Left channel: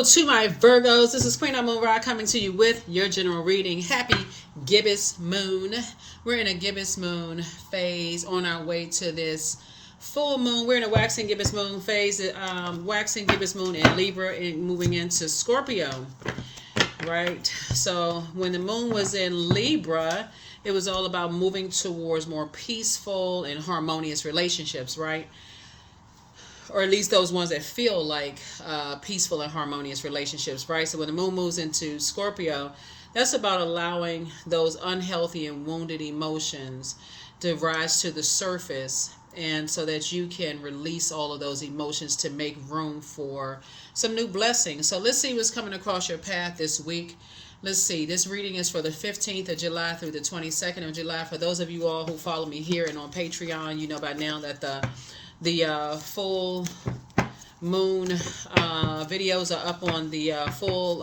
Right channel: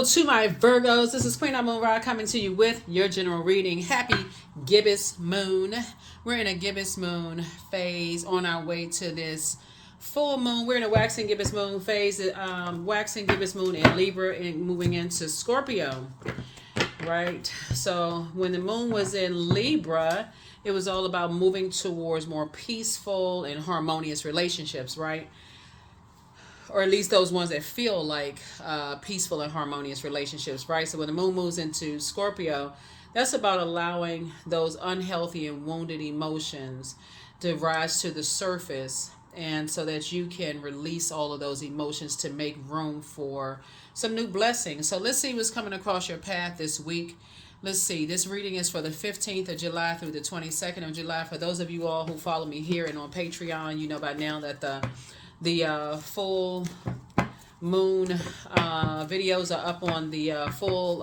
Hello to my Virgos. This is Queen Amun Ra coming to you with your general reading. Happy gibbous moon. We're in a gibbous moon phase on our way to this full moon. We're in a waxing gibbous moon phase. Waxing gibbous moon in Libra and moving into Scorpio. Right? So when the moon was in Libra, it was all about moving towards more peaceful and harmonious relationships, right? Or at least those ones that feel like peaceful and harmonious relationships, right? So when the moon moves into Scorpio, that's about allowing those unhealthy and wounded emotions to rise to the surface, and so that you can release all of those emotions to make room for some new blessings. So let's see what's coming across your path this week. Let's see. This reading is for the 15th of July through the 22nd of July. For those of you all who follow me here and on Patreon, you know by now that the full moon videos are up on the full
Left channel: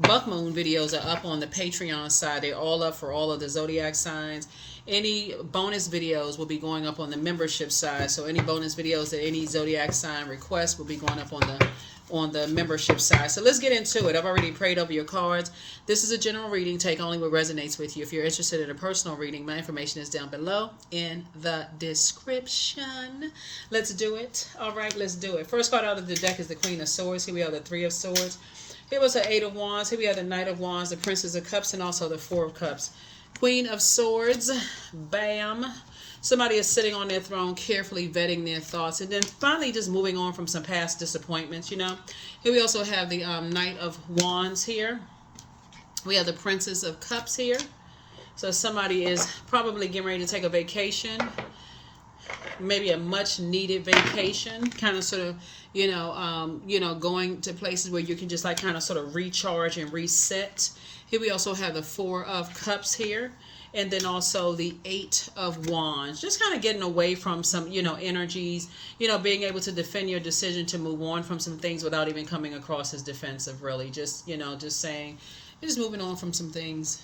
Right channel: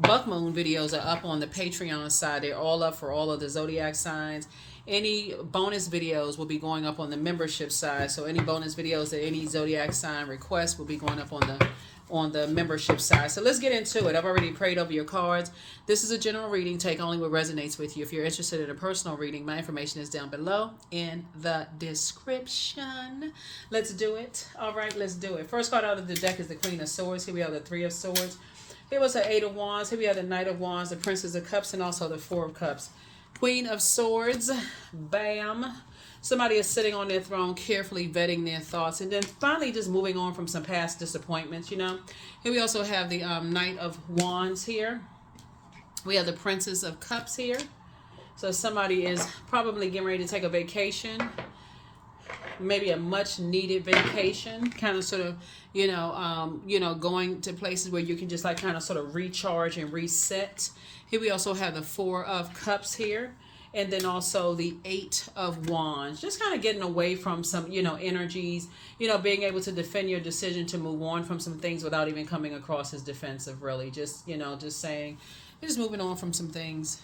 buck moon videos are up on the Patreon side. They're all up for all of the Zodiac signs. Any bonus videos will be going up on the membership side. So any bonus videos that any Zodiac sign request will be going up on the membership side. So let's get into it. I've already prayed over your cards. This is a general reading. Take only what resonates with you. If you're interested in a personal reading, my information is down below in the description. Let's do it. All right, let's do it. First card out of the deck is the Queen of Swords. Here we have the Three of Swords. Here was the Eight of Wands. Here we have the Knight of Wands, the Princess of Cups, and also the Four of Cups. Queen of Swords. Bam. Somebody is sitting on their throne, carefully vetting their thoughts, and then finally just moving on from some past disappointments, you know. Here we also have the Knight of Wands here. We have the Princess of Cups here. So somebody is probably getting ready to take a vacation, maybe a much needed vacation, kind of sort of, going to places where you can just like kind of sort of recharge and reset. Here we also have the Four of Cups here. And then also the Eight of Wands, just kind of getting away from some, energies, being able to defend your decision to move on from some things without even coming across as defensive, really. Just, just saying, you're just moving on from some things,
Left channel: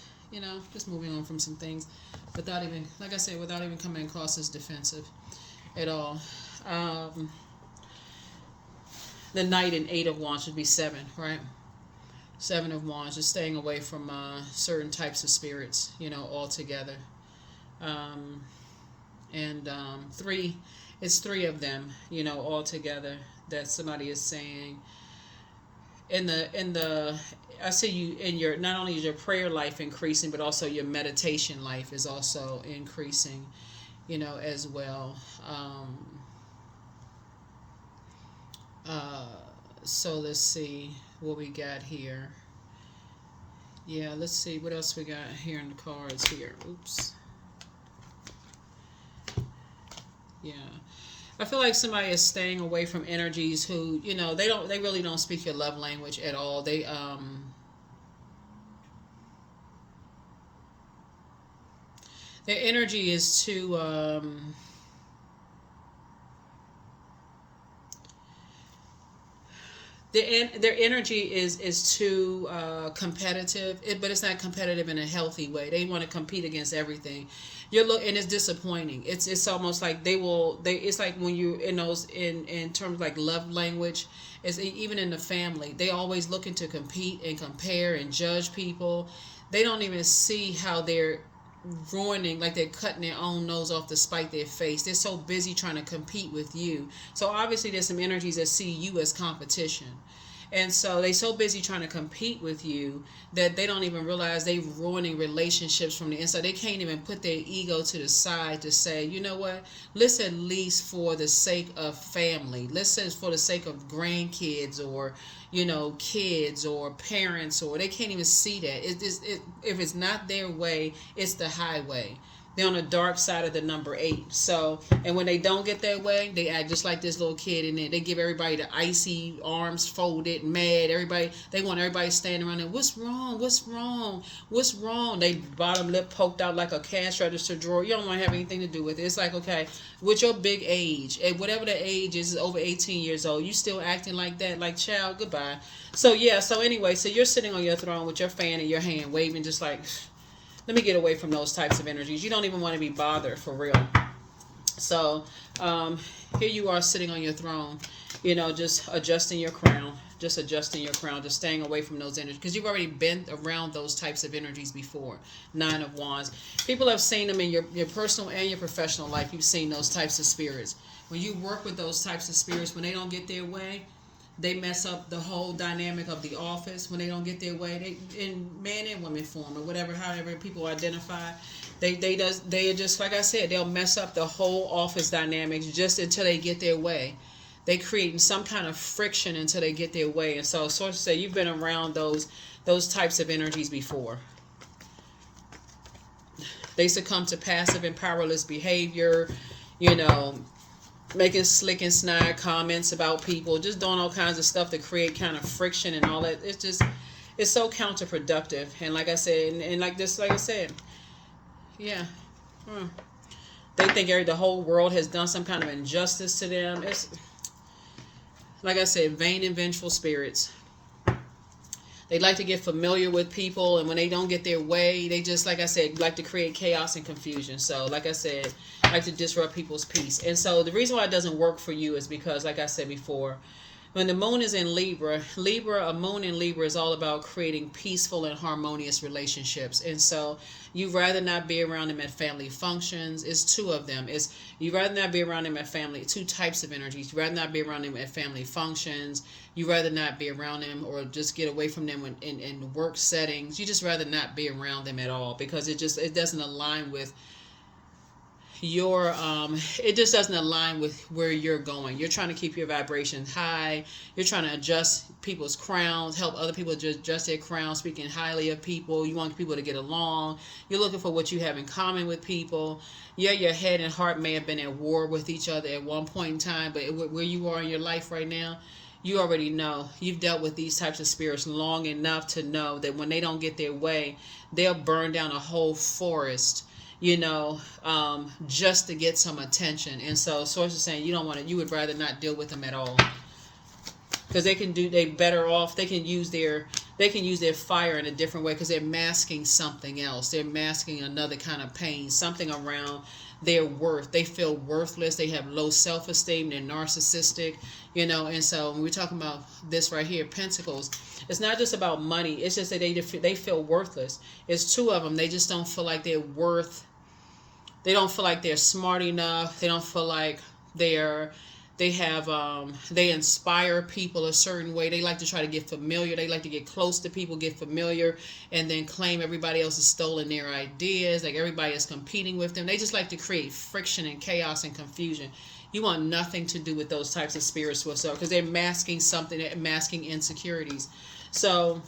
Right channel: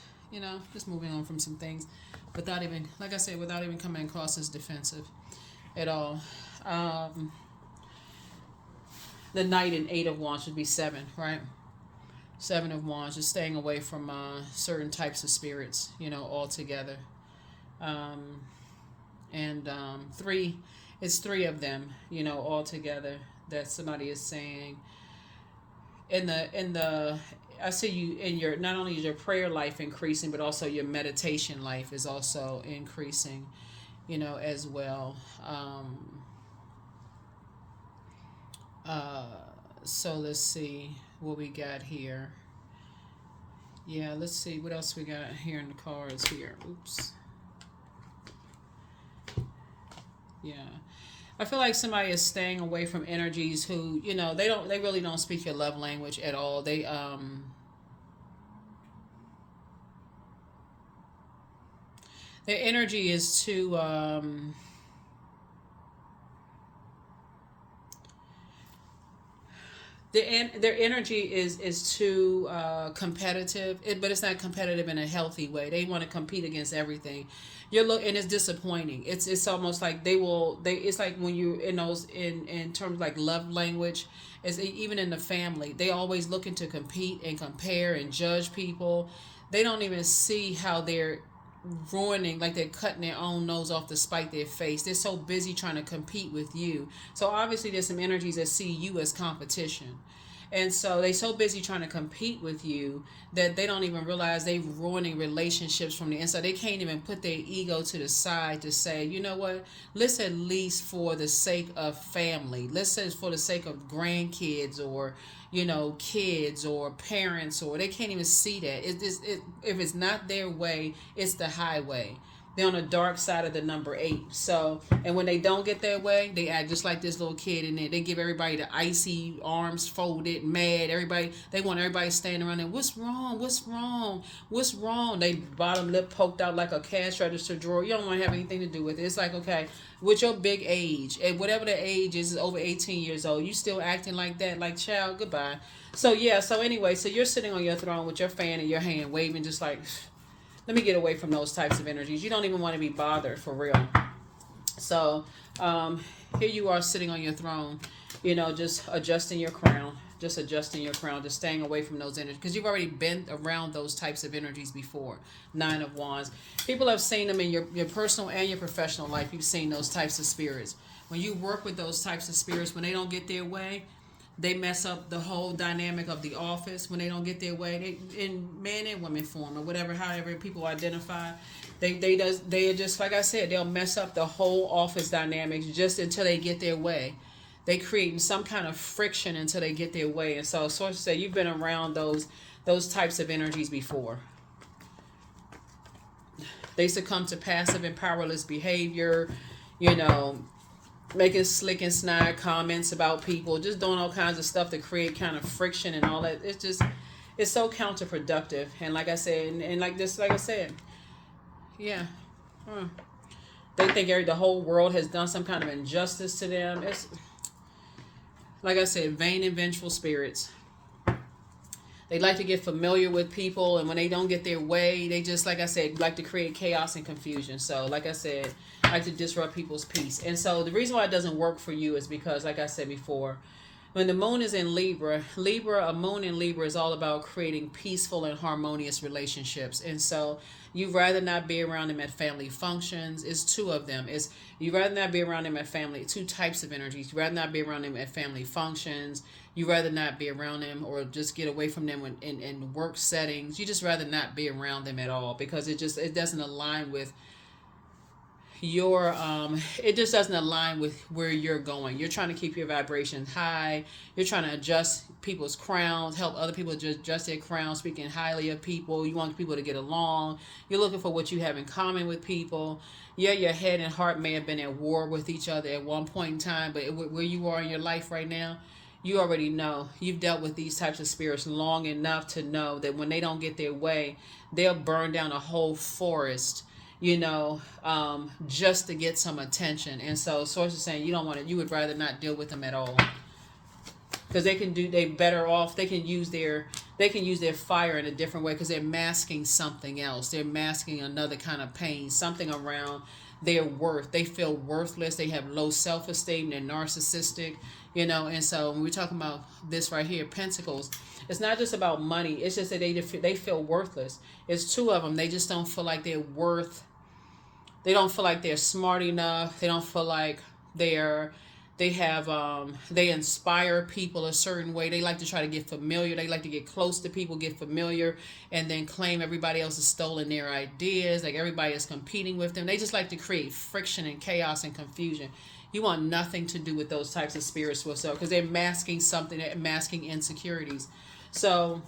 just moving on from some things without even, like I said, without even coming across as defensive at all. The Knight and Eight of Wands would be seven, right? Seven of Wands, just staying away from certain types of spirits, altogether. Three, it's three of them, altogether that somebody is saying. I see you in your, not only is your prayer life increasing, but also your meditation life is also increasing, as well. So let's see what we got here. Yeah, let's see what else we got here in the cards here. Oops. Yeah. I feel like somebody is staying away from energies who, they really don't speak your love language at all. They their energy is too their energy is too competitive, but it's not competitive in a healthy way. They want to compete against everything. And it's disappointing. It's almost like it's like when you in those in terms like love language, is even in the family, they always looking to compete and compare and judge people. They don't even see how they're ruining, like they're cutting their own nose off to spite their face. They're so busy trying to compete with you. So obviously there's some energies that see you as competition, and so they're so busy trying to compete with you that they don't even realize they're ruining relationships from the inside. They can't even put their ego to the side to say, you know what, let's at least for the sake of family, let's say for the sake of grandkids or kids or parents, or they can't even see that. If it's not their way, it's the highway. They're on the dark side of the number 8. So, and when they don't get their way, they act just like this little kid in there. They give everybody the icy arms folded, mad. They want everybody standing around there. What's wrong? What's wrong? What's wrong? They bottom lip poked out like a cash register drawer. You don't want to have anything to do with it. It's like, okay, with your big age, and whatever the age is over 18 years old, you still acting like that, like, child, goodbye. So yeah, so anyway, so you're sitting on your throne with your fan in your hand, waving just like, let me get away from those types of energies. You don't even want to be bothered, for real. So here you are sitting on your throne, you know, just adjusting your crown, just adjusting your crown, just staying away from those energies because you've already been around those types of energies before. Nine of Wands. People have seen them in your personal and your professional life. You've seen those types of spirits. When you work with those types of spirits, when they don't get their way, they mess up the whole dynamic of the office. When they don't get their way, they in man and woman form or whatever, however people identify, they just like I said, they'll mess up the whole office dynamics just until they get their way. They create some kind of friction until they get their way. And so sources say you've been around those types of energies before. They succumb to passive and powerless behavior, you know, making slick and snide comments about people, just doing all kinds of stuff to create kind of friction and all that. It's so counterproductive. And like I said, and like I said, yeah. They think the whole world has done some kind of injustice to them. It's like I said, vain and vengeful spirits. They like to get familiar with people, and when they don't get their way, they just, like I said, like to create chaos and confusion. So, like I said, like to disrupt people's peace. And so the reason why it doesn't work for you is because, like I said before, when the moon is in Libra, a moon in Libra is all about creating peaceful and harmonious relationships. And so you'd rather not be around them at family functions. It's two of them. You'd rather not be around them at family, two types of energies. You'd rather not be around them at family functions. You'd rather not be around them or just get away from them in work settings. You just rather not be around them at all because it doesn't align with it just doesn't align with where you're going. You're trying to keep your vibration high. You're trying to adjust people's crowns, help other people adjust their crowns, speaking highly of people. You want people to get along. You're looking for what you have in common with people. Yeah, your head and heart may have been at war with each other at one point in time, but where you are in your life right now, you already know. You've dealt with these types of spirits long enough to know that when they don't get their way, they'll burn down a whole forest, you know, just to get some attention. And so sources saying you would rather not deal with them at all. Because they can use their fire in a different way because they're masking something else. They're masking another kind of pain, something around their worth. They feel worthless. They have low self-esteem. They're narcissistic, you know. And so when we're talking about this right here, Pentacles, it's not just about money. It's just that they feel worthless. It's two of them. They just don't feel like they're they don't feel like they're smart enough. They don't feel like they inspire people a certain way. They like to try to get familiar. They like to get close to people, get familiar, and then claim everybody else has stolen their ideas. Like everybody is competing with them. They just like to create friction and chaos and confusion. You want nothing to do with those types of spirits whatsoever because they're masking something. They're masking insecurities. So,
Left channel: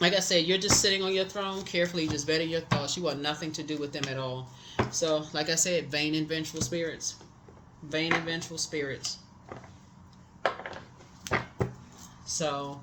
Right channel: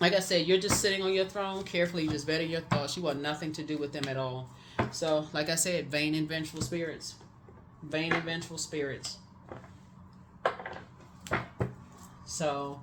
like I said, you're just sitting on your throne, carefully just vetting your thoughts. You want nothing to do with them at all. So, like I said, vain and vengeful spirits. Vain and vengeful spirits. So,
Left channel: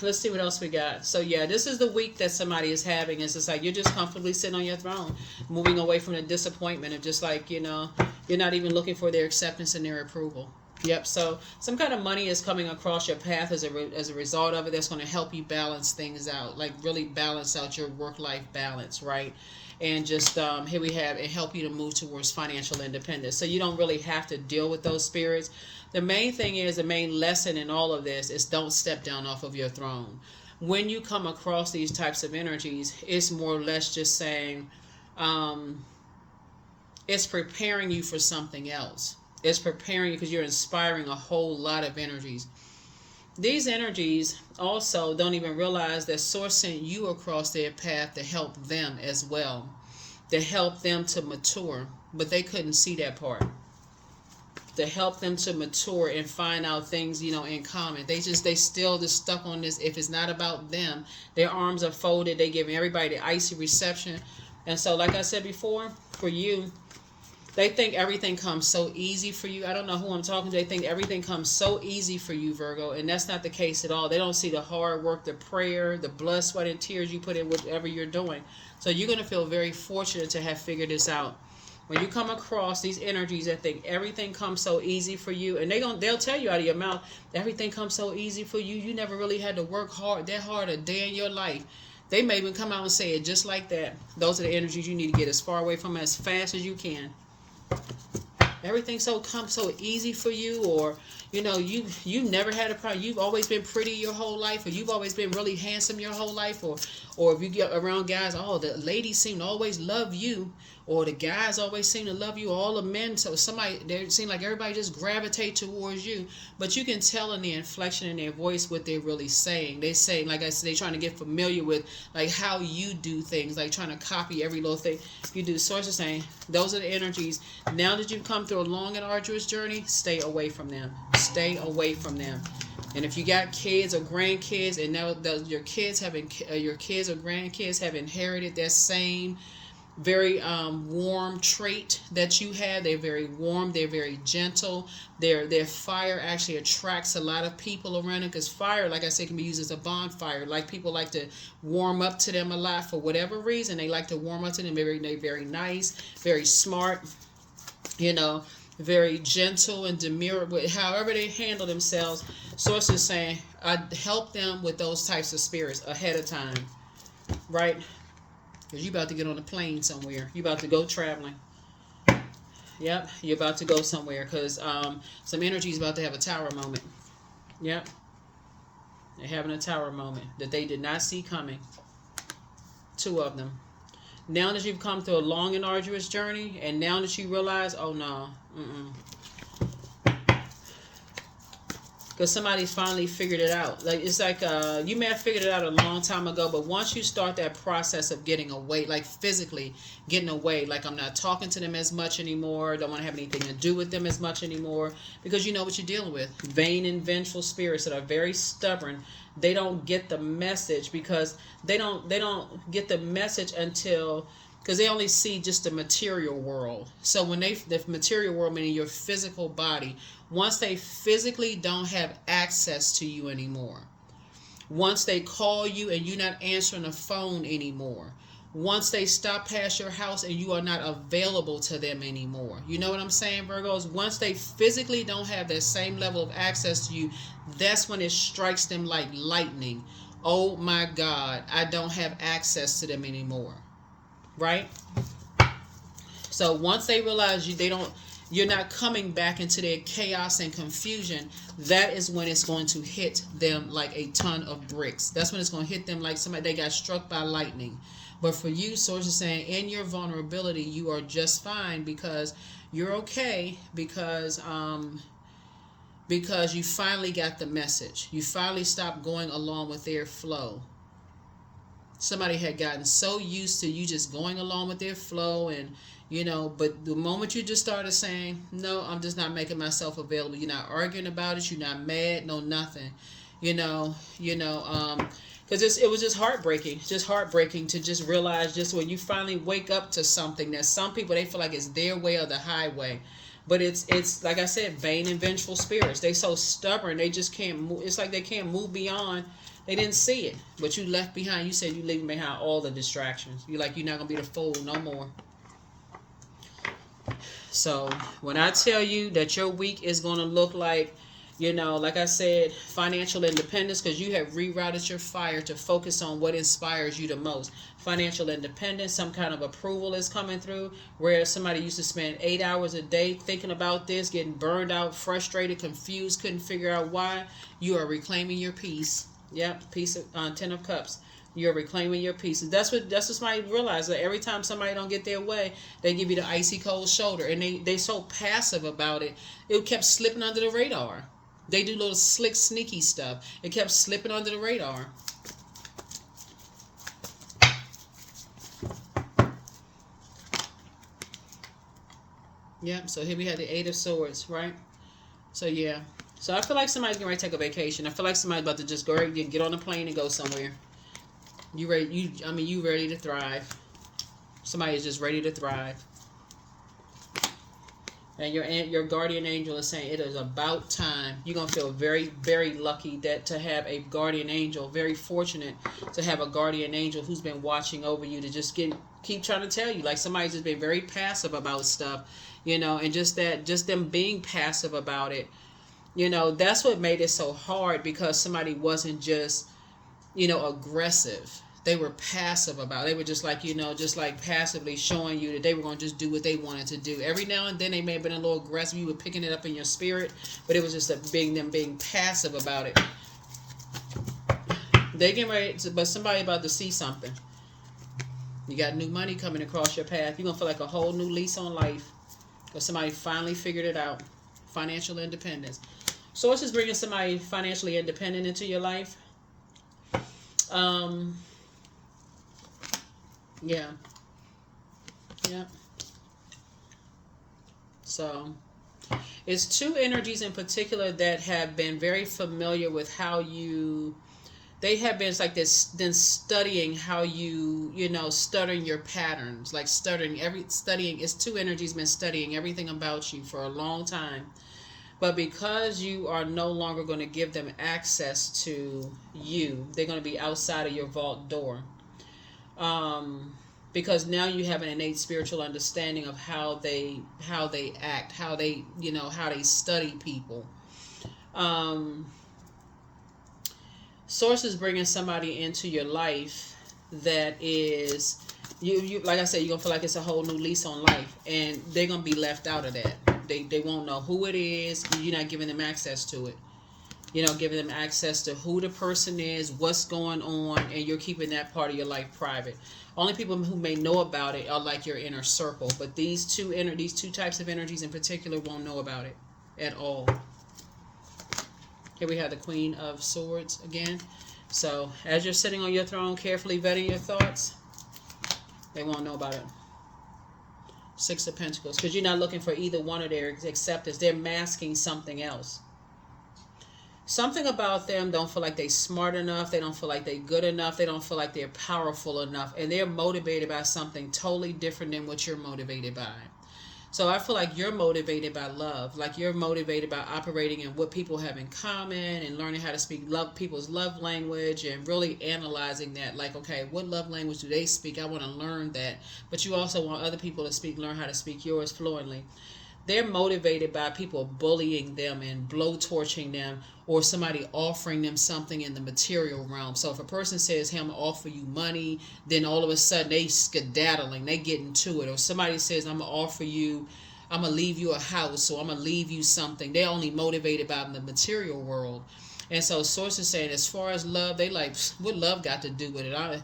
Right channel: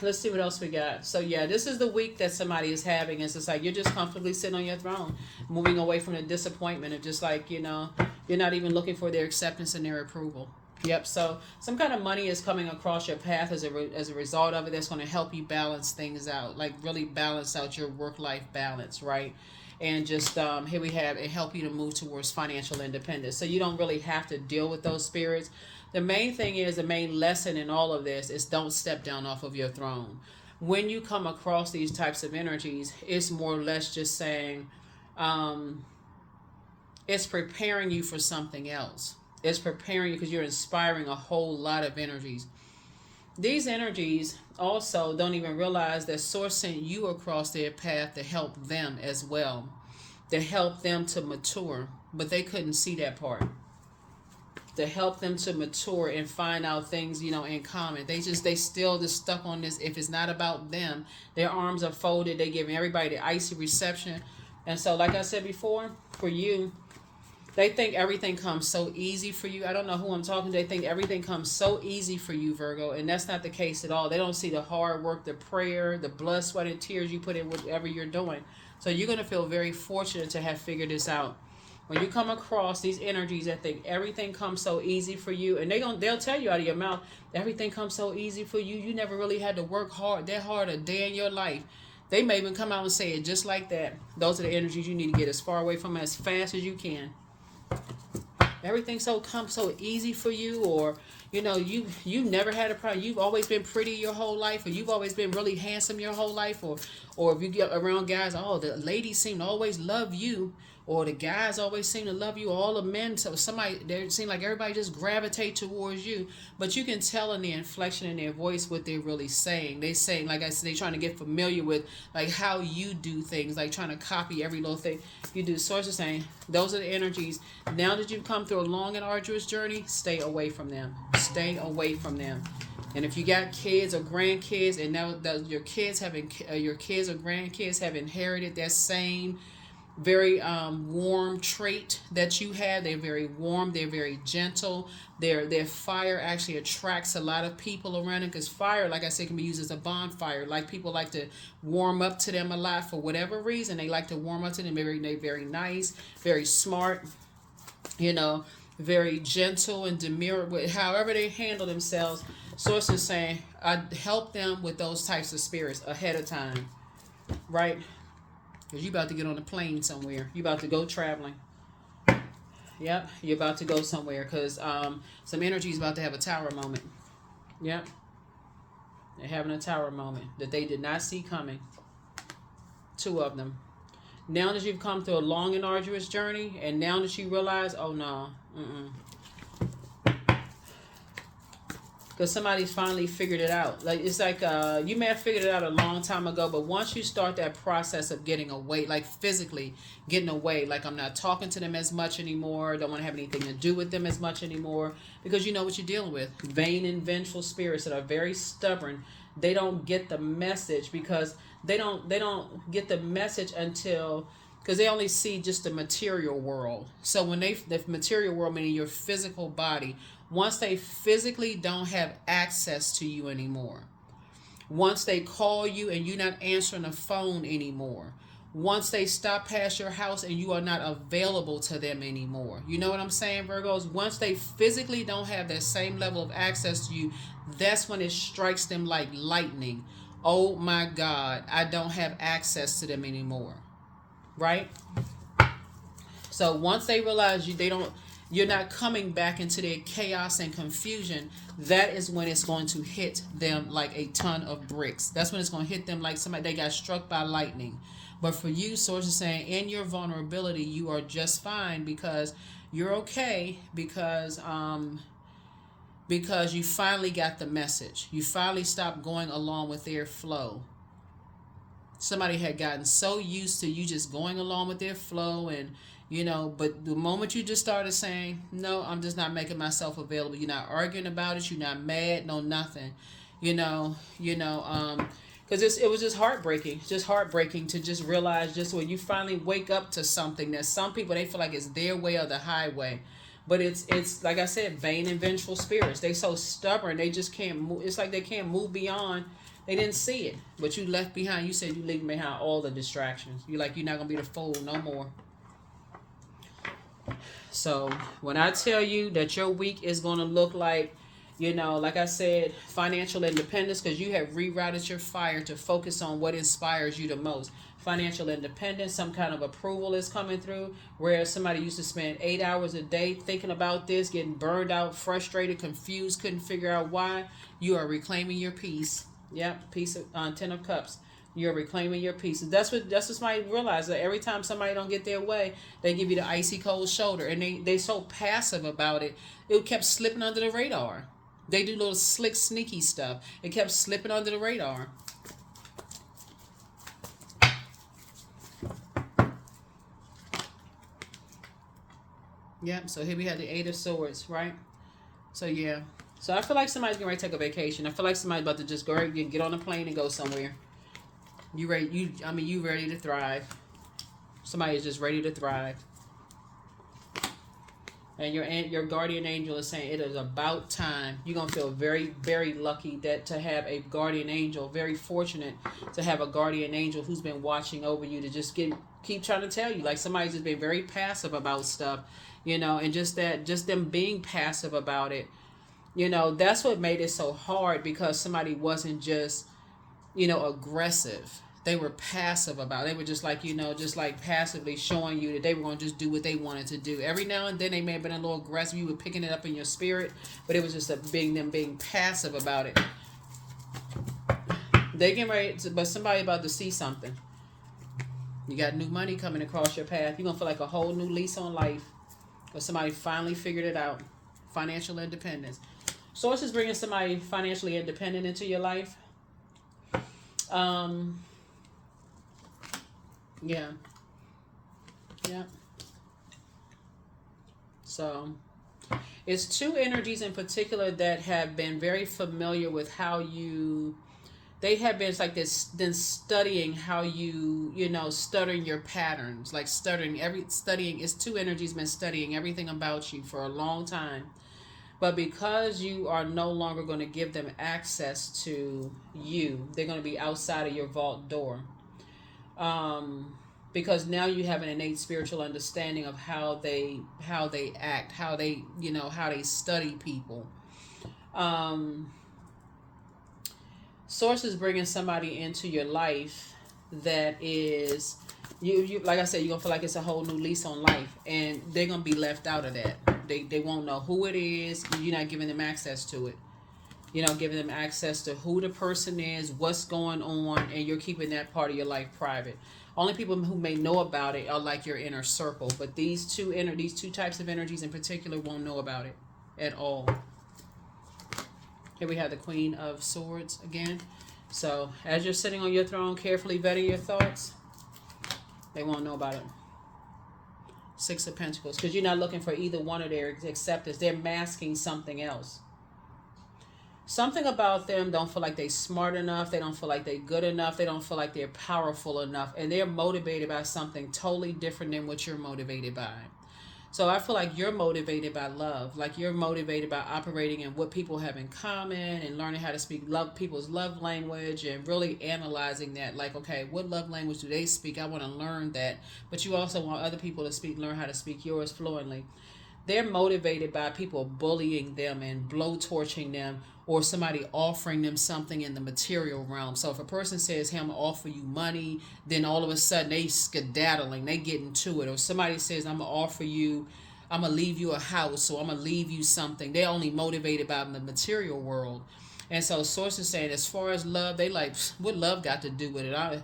let's see what else we got. So, yeah, this is the week that somebody is having. It's just like you're just comfortably sitting on your throne, moving away from the disappointment of just like, you know, you're not even looking for their acceptance and their approval. Yep. So some kind of money is coming across your path as a result of it. That's going to help you balance things out, like really balance out your work-life balance, right? And just here we have it help you to move towards financial independence. So you don't really have to deal with those spirits. The main thing is, the main lesson in all of this is don't step down off of your throne. When you come across these types of energies, it's more or less just saying it's preparing you for something else. It's preparing you because you're inspiring a whole lot of energies. These energies also don't even realize that Source sent you across their path to help them as well, to help them to mature, but they couldn't see that part. To help them to mature and find out things, you know, in common. They still just stuck on this. If it's not about them, their arms are folded. They giving everybody the icy reception. And so, like I said before, for you, they think everything comes so easy for you. I don't know who I'm talking to. They think everything comes so easy for you, Virgo, and that's not the case at all. They don't see the hard work, the prayer, the blood, sweat, and tears you put in whatever you're doing. So you're going to feel very fortunate to have figured this out. When you come across these energies that think everything comes so easy for you, and they'll tell you out of your mouth, everything comes so easy for you. You never really had to work that hard a day in your life. They may even come out and say it just like that. Those are the energies you need to get as far away from as fast as you can. Everything's so easy for you, or you never had a problem. You've always been pretty your whole life, or you've always been really handsome your whole life, or if you get around guys, oh, the ladies seem to always love you, or the guys always seem to love you. All the men, so they seem like everybody just gravitate towards you. But you can tell in the inflection in their voice what they're really saying. They say, like I said, they're trying to get familiar with like how you do things, like trying to copy every little thing you do. Source is saying those are the energies. Now that you've come through a long and arduous journey, stay away from them. Stay away from them. And if you got kids or grandkids, and now that your kids or grandkids have inherited that same very warm trait that you had. They're very warm. They're very gentle. Their fire actually attracts a lot of people around them, because fire, like I said, can be used as a bonfire. Like people like to warm up to them a lot for whatever reason. They like to warm up to them. They're very nice, very smart, very gentle and demure with however they handle themselves. Source is saying, I help them with those types of spirits ahead of time, right? Because you about to get on a plane somewhere. You about to go traveling. Yep, you're about to go somewhere, because some energy is about to have a tower moment. Yep. They're having a tower moment that they did not see coming. 2 of them. Now that you've come through a long and arduous journey, and now that you realize, oh no, because somebody's finally figured it out. Like it's like you may have figured it out a long time ago, but once you start that process of getting away, like physically getting away, like I'm not talking to them as much anymore, don't want to have anything to do with them as much anymore, because you know what you're dealing with. Vain and vengeful spirits that are very stubborn. They don't get the message, because they don't get the message until, because they only see just the material world. So when the material world, meaning your physical body, once they physically don't have access to you anymore, once they call you and you're not answering the phone anymore, once they stop past your house and you are not available to them anymore, you know what I'm saying, Virgos? Once they physically don't have that same level of access to you, that's when it strikes them like lightning. Oh my God, I don't have access to them anymore. Right? So once they realize you're not coming back into their chaos and confusion, that is when it's going to hit them like a ton of bricks. That's when it's going to hit them like somebody, they got struck by lightning. But for you, Source is saying, in your vulnerability, you are just fine, because you're okay, because you finally got the message. You finally stopped going along with their flow. Somebody had gotten so used to you just going along with their flow, and but the moment you just started saying, no, I'm just not making myself available, you're not arguing about it, you're not mad, no nothing, because it was just heartbreaking to just realize, just when you finally wake up to something that some people, they feel like it's their way or the highway. But it's like I said, vain and vengeful spirits. They so stubborn, they just can't move. It's like they can't move beyond. They didn't see it, but you left behind. You said you leaving behind all the distractions. You're like, you're not gonna be the fool no more. So when I tell you that your week is gonna look like, like I said, financial independence, because you have rerouted your fire to focus on what inspires you the most. Financial independence, some kind of approval is coming through, where somebody used to spend 8 hours a day thinking about this, getting burned out, frustrated, confused, couldn't figure out why. You are reclaiming your peace. Yep, peace of 10 of Cups. You're reclaiming your peace. That's what somebody realized, that every time somebody don't get their way, they give you the icy cold shoulder, and they so passive about it. It kept slipping under the radar. They do little slick, sneaky stuff. It kept slipping under the radar. Yep, so here we have the 8 of Swords, right? So yeah. So I feel like somebody's going to take a vacation. I feel like somebody's about to just go get on a plane and go somewhere. You ready? You ready to thrive. Somebody is just ready to thrive. And your guardian angel is saying it is about time. You're going to feel very, very lucky to have a guardian angel. Very fortunate to have a guardian angel who's been watching over you, to just keep trying to tell you. Like somebody's just been very passive about stuff, and just them being passive about it. That's what made it so hard, because somebody wasn't just, aggressive. they were passive about it. They were just like, just like passively showing you that they were going to just do what they wanted to do. Every now and then they may have been a little aggressive. You were picking it up in your spirit, but it was just them being passive about it. They getting ready to, but somebody about to see something. You got new money coming across your path. You're going to feel like a whole new lease on life. Because somebody finally figured it out. Financial independence. Source is bringing somebody financially independent into your life. Yeah. So, it's two energies in particular that have been very familiar with how you... They have been, it's like this, then studying how you, studying your patterns, like studying, it's two energies been studying everything about you for a long time. But because you are no longer going to give them access to you, they're going to be outside of your vault door. Because now you have an innate spiritual understanding of how they act, how they, how they study people. Source is bringing somebody into your life that is, you like I said, you're going to feel like it's a whole new lease on life. And they're going to be left out of that. They won't know who it is. You're not giving them access to it. You're not giving them access to who the person is, what's going on, and you're keeping that part of your life private. Only people who may know about it are like your inner circle. But these two types of energies in particular won't know about it at all. Here we have the Queen of Swords again. So as you're sitting on your throne, carefully vetting your thoughts, they won't know about it. Six of Pentacles. Because you're not looking for either one of their acceptance. They're masking something else. Something about them don't feel like they're smart enough. They don't feel like they're good enough. They don't feel like they're powerful enough. And they're motivated by something totally different than what you're motivated by. So I feel like you're motivated by love. Like you're motivated by operating in what people have in common and learning how to speak people's love language and really analyzing that. Like, okay, what love language do they speak? I want to learn that. But you also want other people to learn how to speak yours fluently. They're motivated by people bullying them and blowtorching them, or somebody offering them something in the material realm. So if a person says, hey, I'm going to offer you money, then all of a sudden they skedaddling, they get into it. Or somebody says, I'm going to leave you a house, or I'm going to leave you something. They're only motivated by the material world. And so Source is saying, as far as love, they like, what love got to do with it?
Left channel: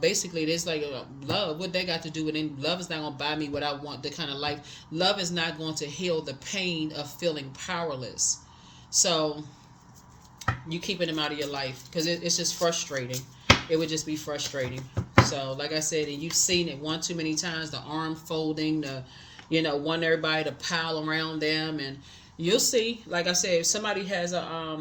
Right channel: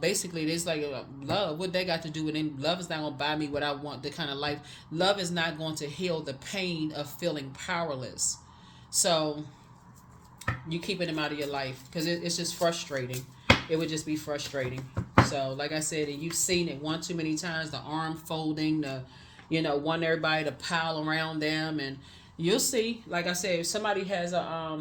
Basically, it's like love, what they got to do with it? Love is not going to buy me what I want, the kind of life. Love is not going to heal the pain of feeling powerless. So you keeping them out of your life because it's just frustrating. It would just be frustrating. So like I said, and you've seen it one too many times, the arm folding, want everybody to pile around them, and you'll see, like I said, if somebody has a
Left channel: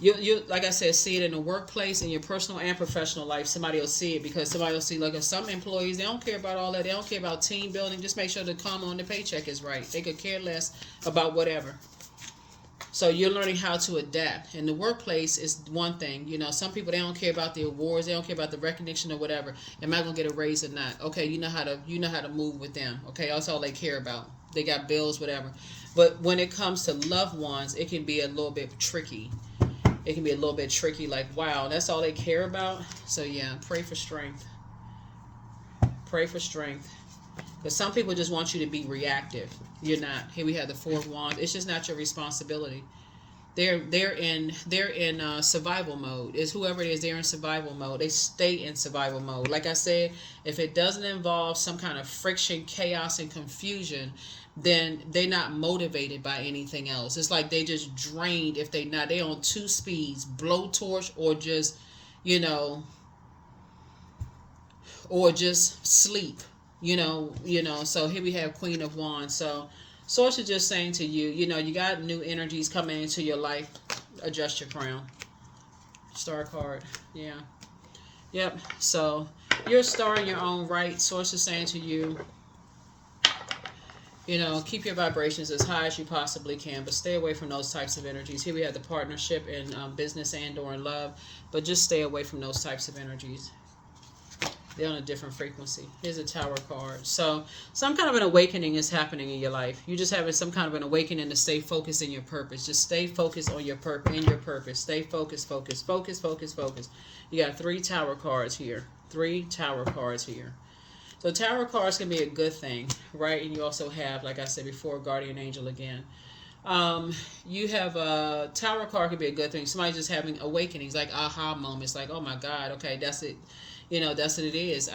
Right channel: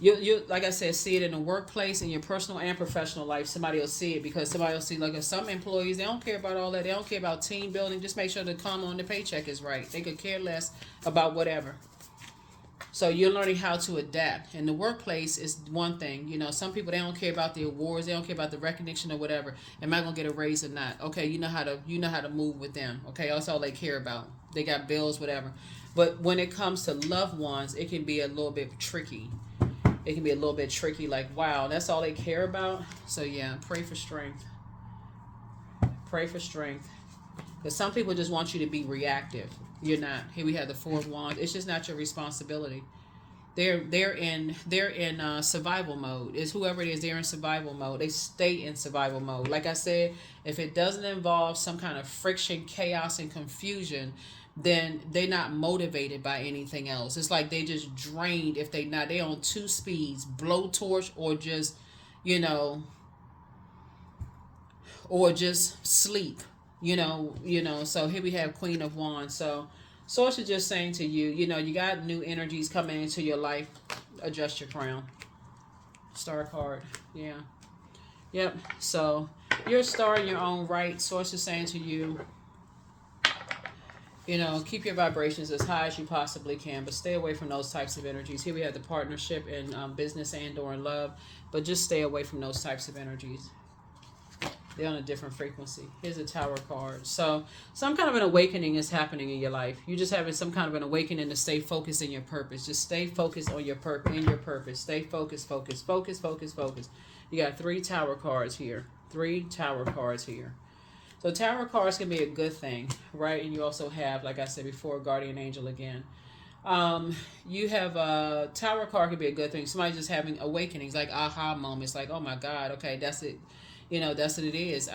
you like I said, see it in the workplace, in your personal and professional life. Somebody will see it because somebody will see, like some employees, they don't care about all that. They don't care about team building. Just make sure the comma on the paycheck is right. They could care less about whatever. So you're learning how to adapt. In the workplace is one thing. Some people, they don't care about the awards. They don't care about the recognition or whatever. Am I going to get a raise or not? Okay, you know how to move with them. Okay, that's all they care about. They got bills, whatever. But when it comes to loved ones, it can be a little bit tricky. It can be a little bit tricky, like, wow, that's all they care about? So yeah, pray for strength. Pray for strength. Because some people just want you to be reactive. You're not. Here we have the Four of Wands. It's just not your responsibility. They're in survival mode. It's whoever it is, they're in survival mode. They stay in survival mode. Like I said, if it doesn't involve some kind of friction, chaos, and confusion, then they're not motivated by anything else. It's like they just drained. If they on two speeds, blowtorch or just, or just sleep. So here we have Queen of Wands. So Source is just saying to you, you got new energies coming into your life. Adjust your crown. Star card. Yeah. Yep. So you're a star in your own right. Source is saying to you, keep your vibrations as high as you possibly can, but stay away from those types of energies. Here we have the partnership in business and or in love, but just stay away from those types of energies. They're on a different frequency. Here's a Tower card. So some kind of an awakening is happening in your life. You're just having some kind of an awakening to stay focused in your purpose. Just stay focused on your purpose. Stay focused, focus. You got 3 Tower cards here. 3 Tower cards here. So Tower cards can be a good thing, right? And you also have, like I said before, Guardian Angel again. You have a Tower card can be a good thing. Somebody just having awakenings, like aha moments, like, oh my God, okay, that's it. That's what it is.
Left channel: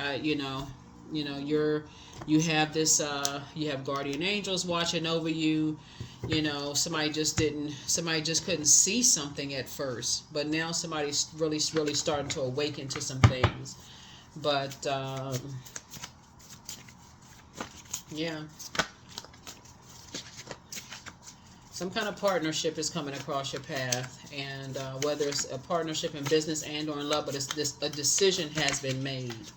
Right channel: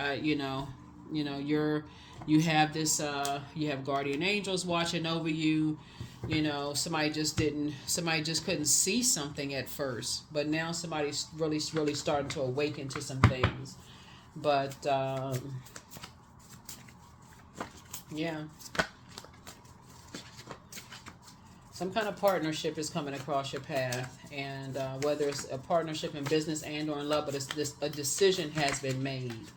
You have this. You have guardian angels watching over you. Somebody just couldn't see something at first, but now somebody's really starting to awaken to some things. But yeah, some kind of partnership is coming across your path, and whether it's a partnership in business and or in love, but a decision has been made.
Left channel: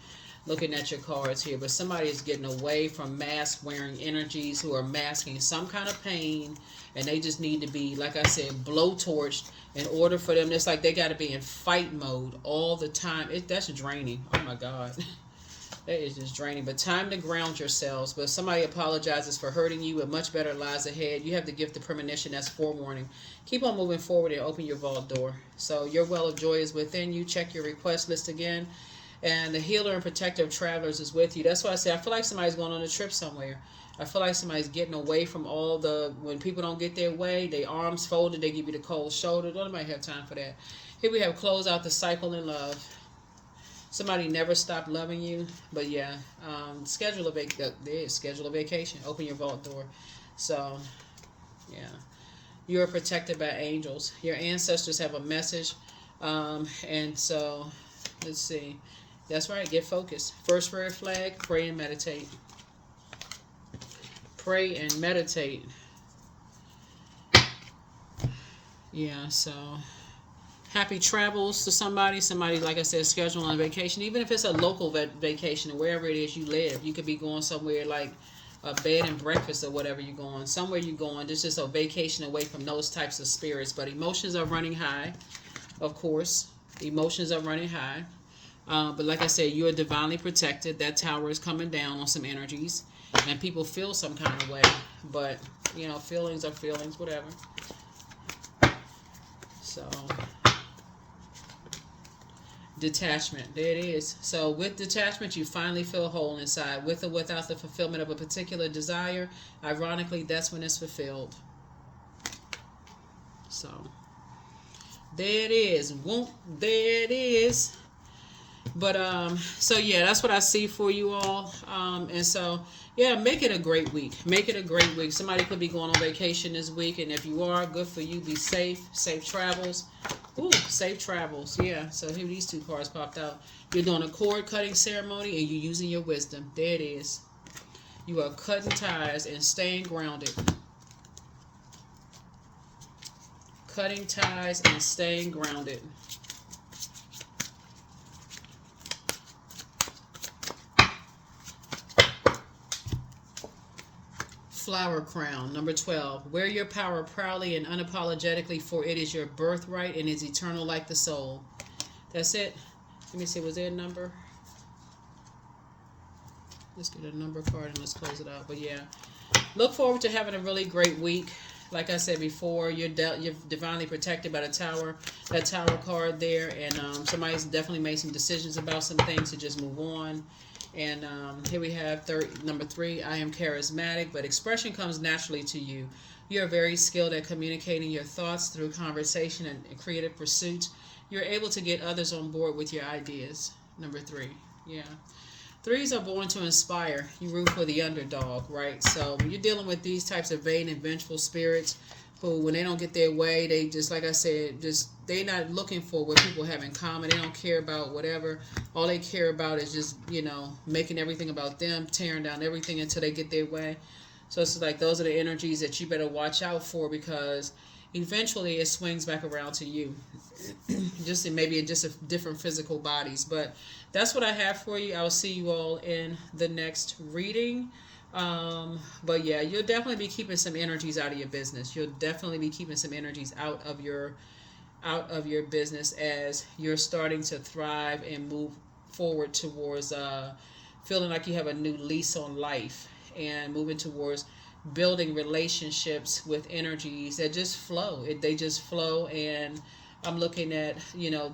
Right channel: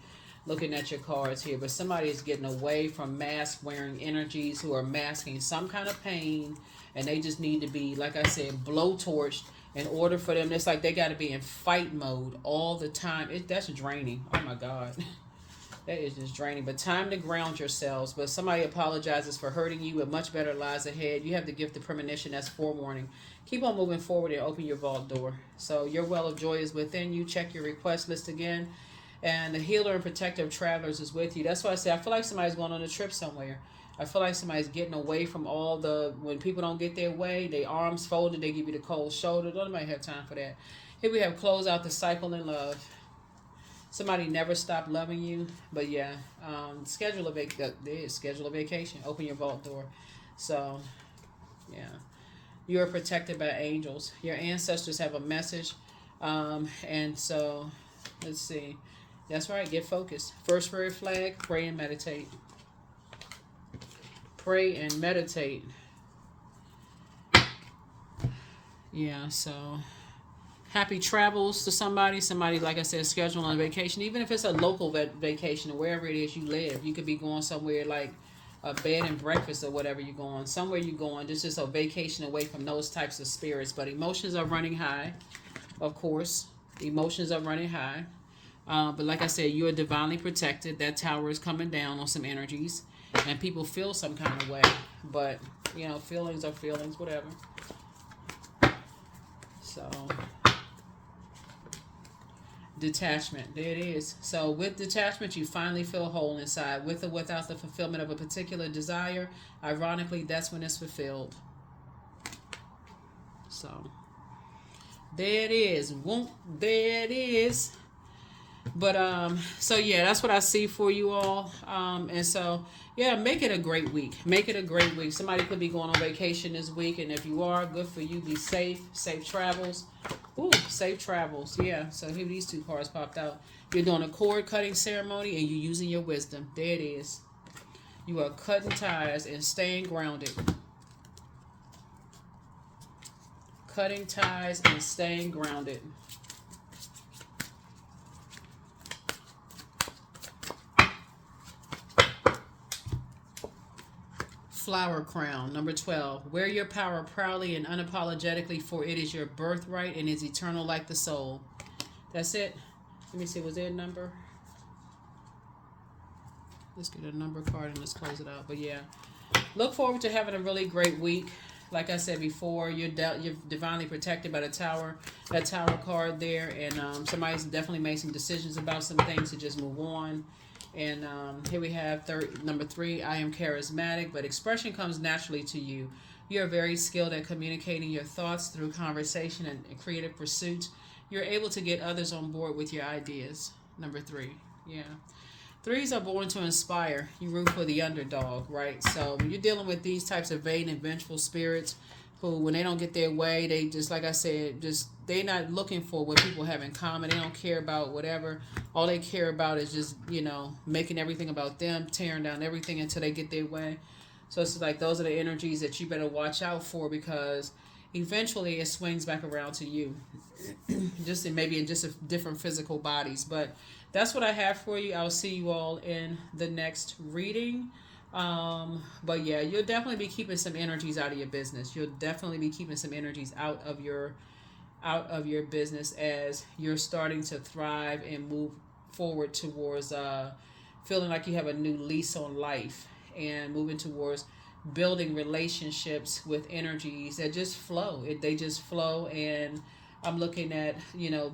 Looking at your cards here, but somebody is getting away from mask wearing energies who are masking some kind of pain, and they just need to be, like I said, blowtorched in order for them. It's like they got to be in fight mode all the time. That's draining. Oh my God. That is just draining. But time to ground yourselves. But somebody apologizes for hurting you, and much better lies ahead. You have the gift of premonition as forewarning. Keep on moving forward and open your vault door. So your well of joy is within you. Check your request list again. And the healer and protector of travelers is with you. That's why I say I feel like somebody's going on a trip somewhere. I feel like somebody's getting away from all when people don't get their way, they arms folded, they give you the cold shoulder. Nobody have time for that. Here we have close out the cycle in love. Somebody never stopped loving you, but yeah, schedule a vacation. Open your vault door. So, yeah, you are protected by angels. Your ancestors have a message, and so let's see. That's right. Get focused. First red flag. Pray and meditate. Pray and meditate. Yeah. So. Happy travels to somebody. Somebody, like I said, scheduled on a vacation. Even if it's a local vacation or wherever it is you live. You could be going somewhere like a bed and breakfast or whatever you're going. Somewhere you're going. This is a vacation away from those types of spirits. But emotions are running high, of course. Emotions are running high. But like I said, you are divinely protected. That tower is coming down on some energies. And people feel some kind of way. But, feelings are feelings, whatever. So... detachment. There it is. So with detachment, you finally feel whole inside. With or without the fulfillment of a particular desire, ironically, that's when it's fulfilled. So there it is. There it is. But so yeah, that's what I see for you all. And so yeah, make it a great week. Make it a great week. Somebody could be going on vacation this week, and if you are, good for you. Be safe. Safe travels. Ooh, safe travels. Yeah. So here these 2 cards popped out. You're doing a cord cutting ceremony, and you're using your wisdom. There it is. You are cutting ties and staying grounded. Cutting ties and staying grounded. Flower crown, number 12. Wear your power proudly and unapologetically, for it is your birthright and is eternal like the soul. That's it. Let me see, was there a number? Let's get a number card and let's close it out. But yeah, look forward to having a really great week. Like I said before, you're divinely protected by the tower. That tower card there, and somebody's definitely made some decisions about some things to just move on. And here we have number 3. I am charismatic, but expression comes naturally to you. You are very skilled at communicating your thoughts through conversation and creative pursuits. You're able to get others on board with your ideas. Number 3. Yeah. 3s are born to inspire. You root for the underdog, right? So when you're dealing with these types of vain and vengeful spirits who, when they don't get their way, they just, like I said, they're not looking for what people have in common. They don't care about whatever. All they care about is just, making everything about them, tearing down everything until they get their way. So it's like those are the energies that you better watch out for, because eventually it swings back around to you. maybe in different physical bodies. But that's what I have for you. I'll see you all in the next reading. But yeah, you'll definitely be keeping some energies out of your business. You'll definitely be keeping some energies out of your business as you're starting to thrive and move forward towards feeling like you have a new lease on life and moving towards building relationships with energies that just flow. They just flow, and I'm looking at,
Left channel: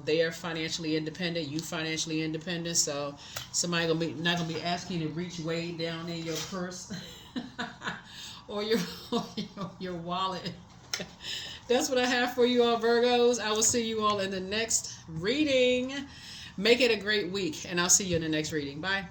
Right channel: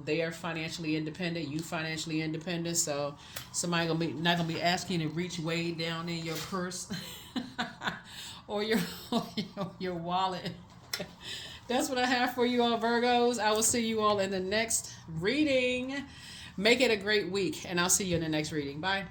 they are financially independent, you financially independent, so somebody gonna be not gonna be asking you to reach way down in your purse or your wallet. That's what I have for you all, Virgos. I will see you all in the next reading. Make it a great week, and I'll see you in the next reading. Bye.